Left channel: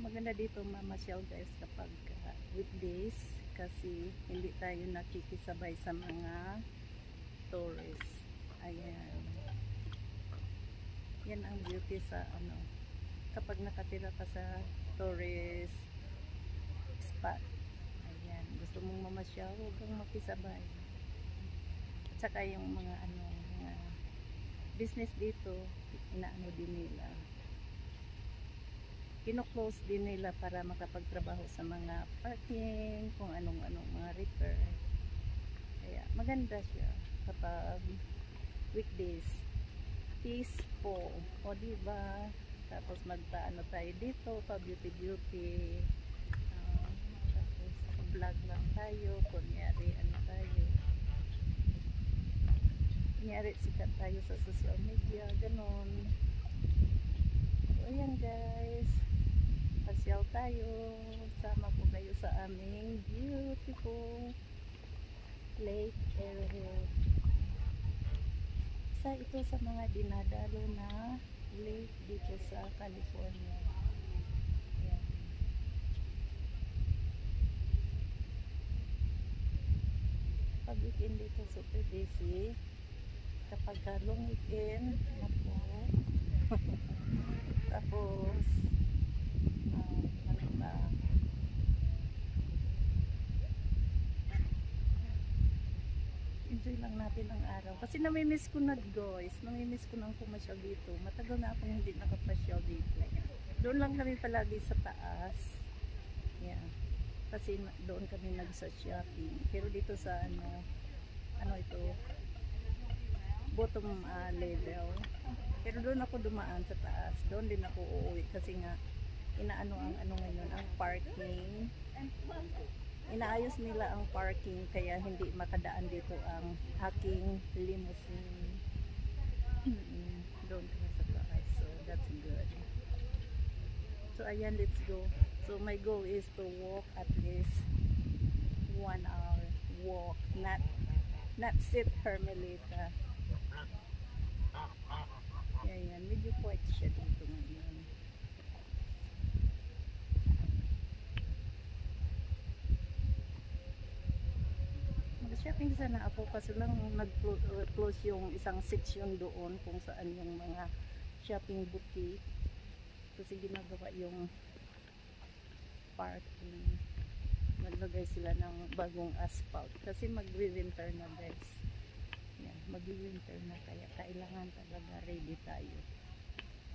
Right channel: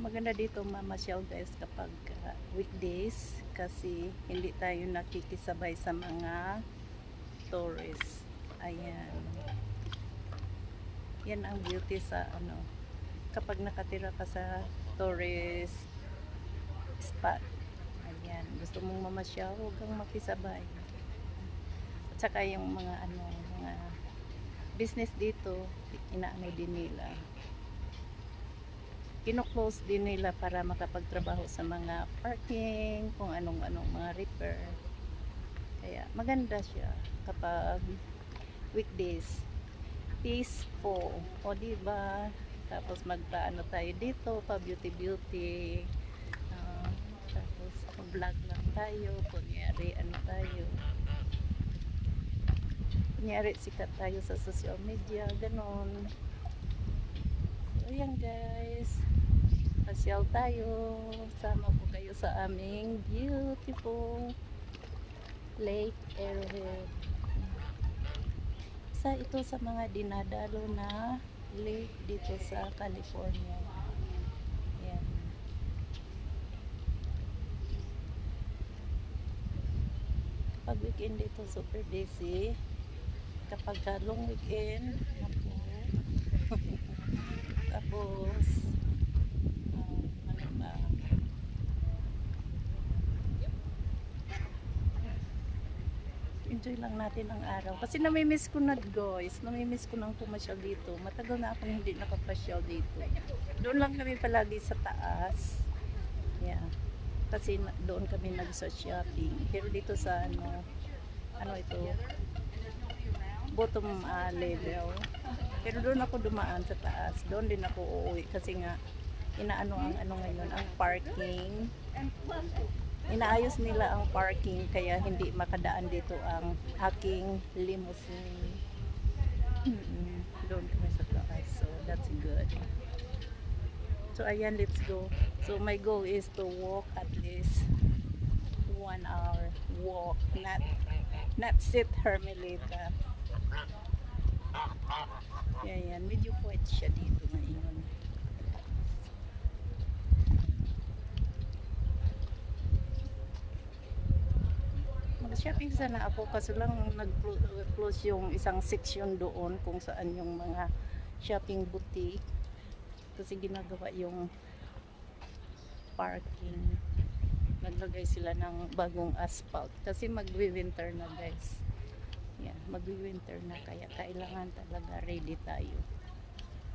Maganda dito mamasyal guys kapag weekdays kasi hindi tayo nakikisabay sa mga tourists. Ayan. Yan ang beauty sa ano kapag nakatira ka sa tourist spot. Ayan, gusto mong mamasyal, huwag kang makisabay. At saka yung mga mga business dito, inaano din nila. Kino-close din nila para makapagtrabaho sa mga parking, kung anong-anong mga repair. Kaya maganda siya kapag weekdays. Peaceful. O diba? Tapos magpaano tayo dito, pa beauty. Tapos vlog lang tayo. Kunyari tayo. Kunyari sikat tayo sa social media. Ganon. So ayan guys. Pasyal tayo. Sama po kayo sa aming beautiful Lake Arrowhead. Isa ito sa mga dinadalo na lake dito sa California. Ayan. Kapag weekend dito super busy. Kapag long weekend, napo. Tapos ano ba? Enjoy lang natin ang araw. Kasi namimiss ko na guys. Namimiss ko nang pumasyal dito. Matagal na akong hindi nakapasyal dito. Doon lang kami palagi sa taas. Yeah. Kasi doon kami nagsa-shopping. Pero dito sa ano ito, bottom level. Pero doon ako dumaan sa taas. Doon din ako uuwi. Kasi nga, inaano ang ngayon, ang parking. Inaayos nila ang parking kaya hindi makadaan dito ang aking limousine. Doon kami sa taas. So that's good. So ayan, let's go. So my goal is to walk at least 1 hour walk, not sit Hermelita. Ayan, medyo quiet siya dito ngayon. Mag-shopping sana ako kasi lang nag-close yung isang section doon kung saan yung mga shopping boutique kasi ginagawa yung parking. Naglagay sila ng bagong asphalt kasi magwi-winter na guys. Yeah, magwi-winter na kaya kailangan talaga ready tayo.